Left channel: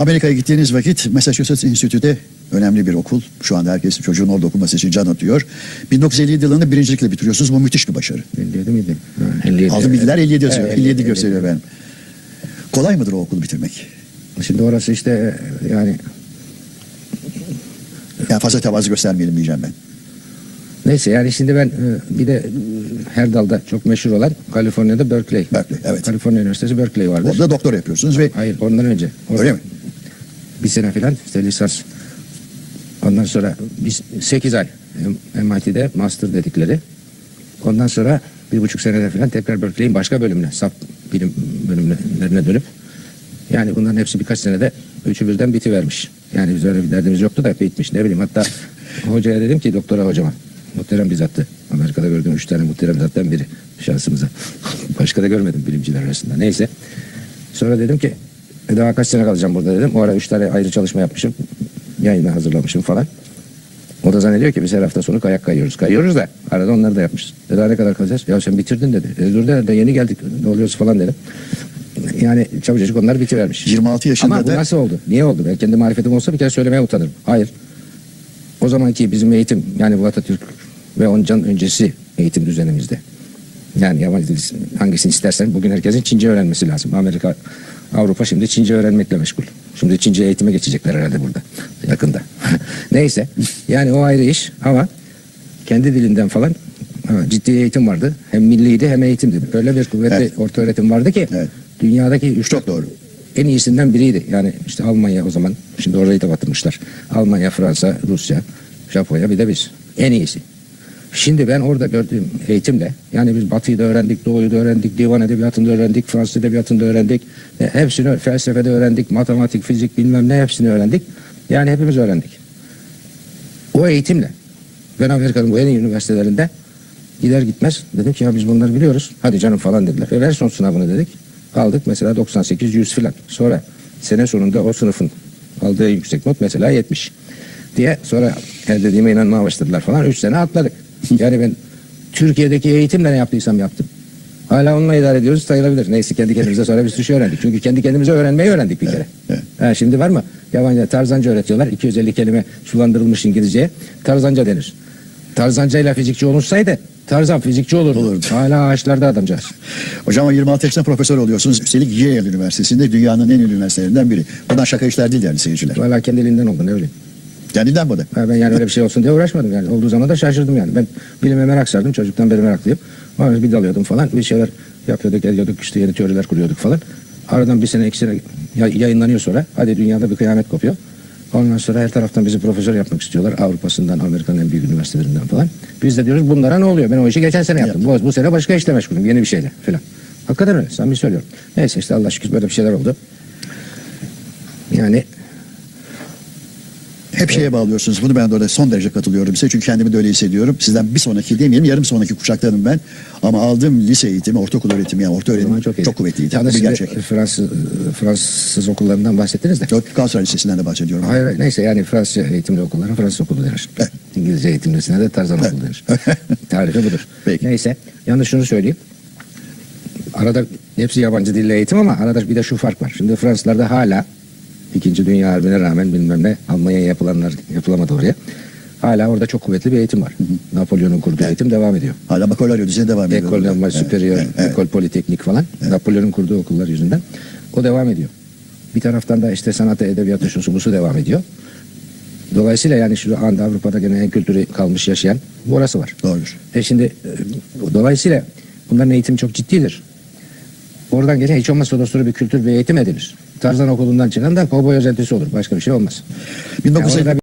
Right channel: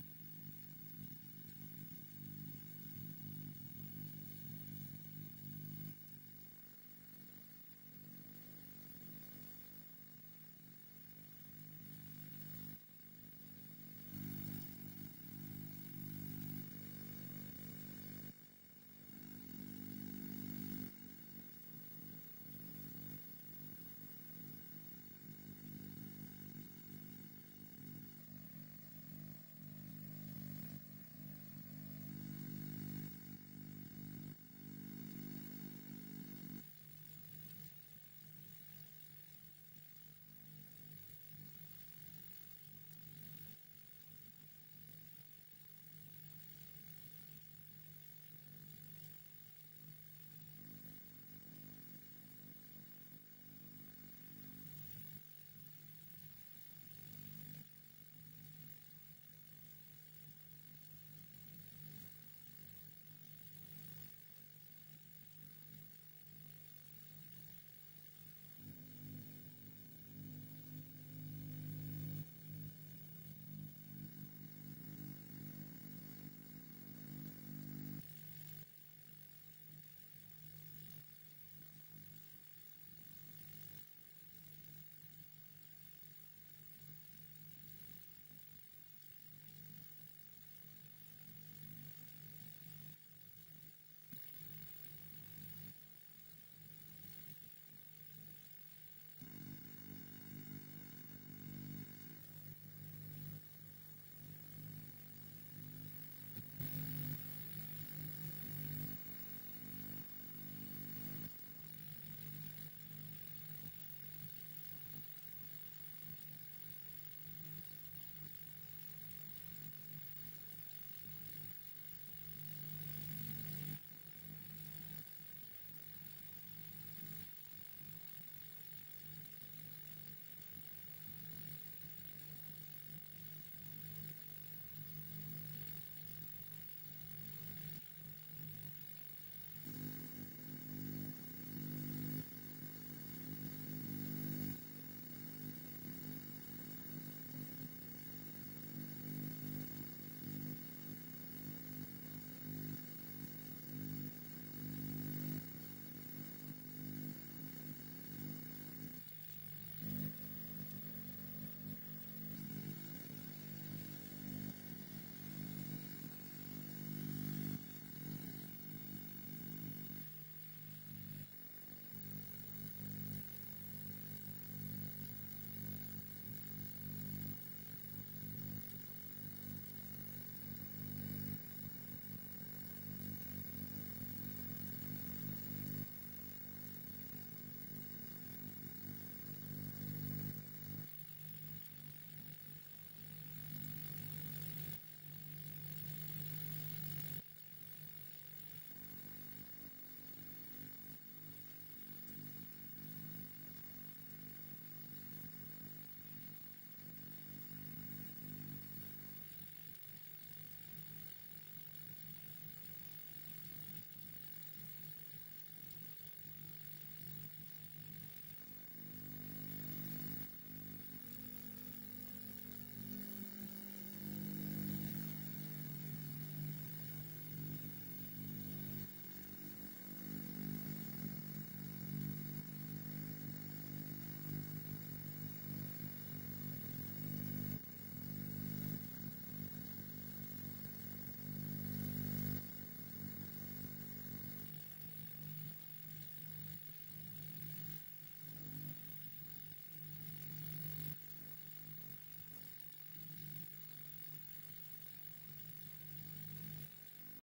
Amerika'ya gittiğiniz vakit Massachusetts Institute'de önemli bir okul. Şu anda herkes çocuğun orada okuması için can atıyor. 1957 yılını birincilikle bitiriyorsunuz. Bu müthiş bir başarı. 57 miydi? Ha, 57. Aldığım bilgiler 57 yazıyor. Evet, 57 gösteriyor benim. Kolay mıdır o okulu bitirmek? Şimdi orası işte yani Yani fazla tevazu göstermeyelim diyeceğim ben. neyse yani şimdi ben e, bir de e, her dalda çok meşhur olan Kaliforniya'da Berkeley. Berkeley, evet. Kaliforniya Üniversitesi Berkeley vardır. Orada doktor yapıyorsunuz ve Hayır ondan önce. Orada öyle mi? Bir sene falan işte lisans. Ondan sonra biz 8 ay MIT'de master dedikleri. Ondan sonra bir buçuk senede falan tekrar Berkeley'in başka bölümüne, sap bilim bölümlerine dönüp yani bunların hepsi birkaç senede üçü birden bitivermiş. Yani biz öyle bir derdimiz yoktu da bitmiş. Ne bileyim hatta hocaya dedim ki doktora hocama muhterem bir zattı. Amerika'da gördüğüm üç tane muhterem zattan biri şansımıza. Başka da görmedim bilimciler arasında. Neyse. Sonra dedim ki "E, daha kaç sene kalacağım burada dedim. O ara üç tane ayrı çalışma yapmışım. Yayına hazırlamışım falan. O da zannediyor ki biz her hafta sonu kayak kayıyoruz. Kayıyoruz da arada onları da yapmışız. E daha ne kadar kalacağız? Ya sen bitirdin dedi. E dur dedi yeni geldik ne oluyoruz falan dedim. Yani çabucacık onlar bitivermiş. 26 yaşında Ama bu da- nasıl oldu? Niye oldu? Ben kendi marifetim olsa bir kere söylemeye utanırım. Hayır. O zamanki bizim eğitim yani bu Atatürk ve ondan öncesi eğitim düzenimizde. Yani yabancı dil hangisini istersen bugün herkesin Çince öğrenmesi lazım. Amerika, Avrupa şimdi Çince öğrenmekle meşgul. Şimdi Çince eğitime geçecekler herhalde burada yakında. Neyse yani o ayrı iş ama kendi dilinden falan ciddi eğitim vardı. Hem milliydi hem eğitimdi. Öyle bir kuvvetli Evet. orta öğretim vardı ki Evet. dünyadaki üç Çok doğru. en iyisinden biriydi. Yani işte Almanya o zaman şimdi orayı da batırmışlar. Almanya, Fransa, Rusya, Japonya bir de biz. En iyisi. Şimdi ben orada gördüğüm eğitimle yani biz Batı'yı da öğrendik, Doğu'yu da öğrendik, divan edebiyatını da öğrendik, Fransız edebiyatını da öğrendik. E, hepsini felsefede öğrendik, matematik, fizik bilmem ne hepsini öğrendik. Yani hepimiz öğrendik. O eğitimle ben Amerika'nın bu en iyi üniversitelerinde gider gitmez dedim ki ya biz bunları biliyoruz. Hadi canım falan dediler. E ver son sınavını dedik. Aldık mesela 98 100 filan. Sonra sene sonunda o sınıfın aldığı yüksek not mesela 70 diye sonra her dediğime inanmaya başladılar falan. 3 sene atladık. Yani ben Türkiye'deki eğitimle ne yaptıysam yaptım. Hala onunla idare ediyoruz sayılabilir. Neyse kendi kendimize sonra bir sürü şey öğrendik. Çünkü kendi kendimize öğrenmeyi öğrendik bir kere. evet. Ha, şimdi var mı? Yabancı tarzanca öğretiyorlar. 250 kelime sulandırılmış İngilizceye. Tarzanca denir. Tarzanca ile fizikçi olunsaydı Tarzan fizikçi olurdu. Olurdu. Hala ağaçlarda adamcağız. Hocam o 26 yaşında profesör oluyorsunuz. Üstelik Yale Üniversitesi'nde dünyanın en iyi üniversitelerinden biri. Buradan şaka işler değil yani seyirciler. Hala kendiliğinden oldu ne bileyim. Kendinden bu da. Ha, ben yani öyle bir şey olsun diye uğraşmadım yani. Olduğu zaman da şaşırdım yani. Ben bilime merak sardım. Çocuktan beri meraklıyım. Sonra bir dalıyordum falan. Bir şeyler yapıyorduk, ediyorduk. işte yeni teoriler kuruyorduk falan. Aradan bir sene, iki sene ya- yayınlanıyor sonra. Hadi dünyada bir kıyamet kopuyor. Ondan sonra her taraftan bizi profesör yapmak istiyorlar. Avrupa'sından, Amerika'nın en büyük üniversitelerinden falan. Biz de diyoruz bunlara ne oluyor? Ben o işi geçen sene yaptım. Bu, bu sene başka işle meşgulüm. Yeni bir şeyle falan. Hakikaten öyle. Samimi söylüyorum. Neyse işte Allah şükür böyle bir şeyler oldu. Yani Hep şeye bağlıyorsunuz. Bunu ben de orada son derece katılıyorum size. Çünkü kendimi de öyle hissediyorum. Sizden bir sonraki demeyelim yarım sonraki kuşaktanım ben. Ama aldığım lise eğitimi, ortaokul öğretimi yani orta öğretim çok, çok, kuvvetliydi. Ya da Bu bir gerçek. Fransız, Fransız okullarından bahsettiniz de. Yok, Galatasaray Lisesi'nden de bahsediyorum. Hayır, hayır, neyse yani Fransızca eğitimli okullara Fransız okulu denir. Evet. İngilizce eğitimlisine de Tarzan okulu denir. Tarifi budur. Peki. Neyse. Yalnız şunu söyleyeyim. Arada hepsi yabancı dille eğitim ama arada bir de şu fark var. Şimdi Fransızlarda hala İkinci Dünya Harbi'ne rağmen bilmem ne Almanya'ya yapılanlar yapılamadı oraya. Hala orada çok kuvvetli bir eğitim var. Napolyon'un kurduğu eğitim devam ediyor. Hala bakaloryo düzeyine devam ediyor. Ekol Normal Evet, Superior, evet, evet. Ekol Politeknik falan. Napolyon'un kurduğu okullar yüzünden. O devam ediyor. Bir taraftan da işte sanatı, edebiyatı, şusu busu devam ediyor. Dolayısıyla yani şu anda Avrupa'da gene en kültürü kalmış yaşayan orası var. Doğrudur. E şimdi e, dolayısıyla bunların eğitimi çok ciddidir. Oradan gelen hiç olmazsa dostları bir kültür ve eğitim edilir. Tarzan okulundan çıkan da kovboy özentisi olur. Başka bir şey olmaz. 1950 orada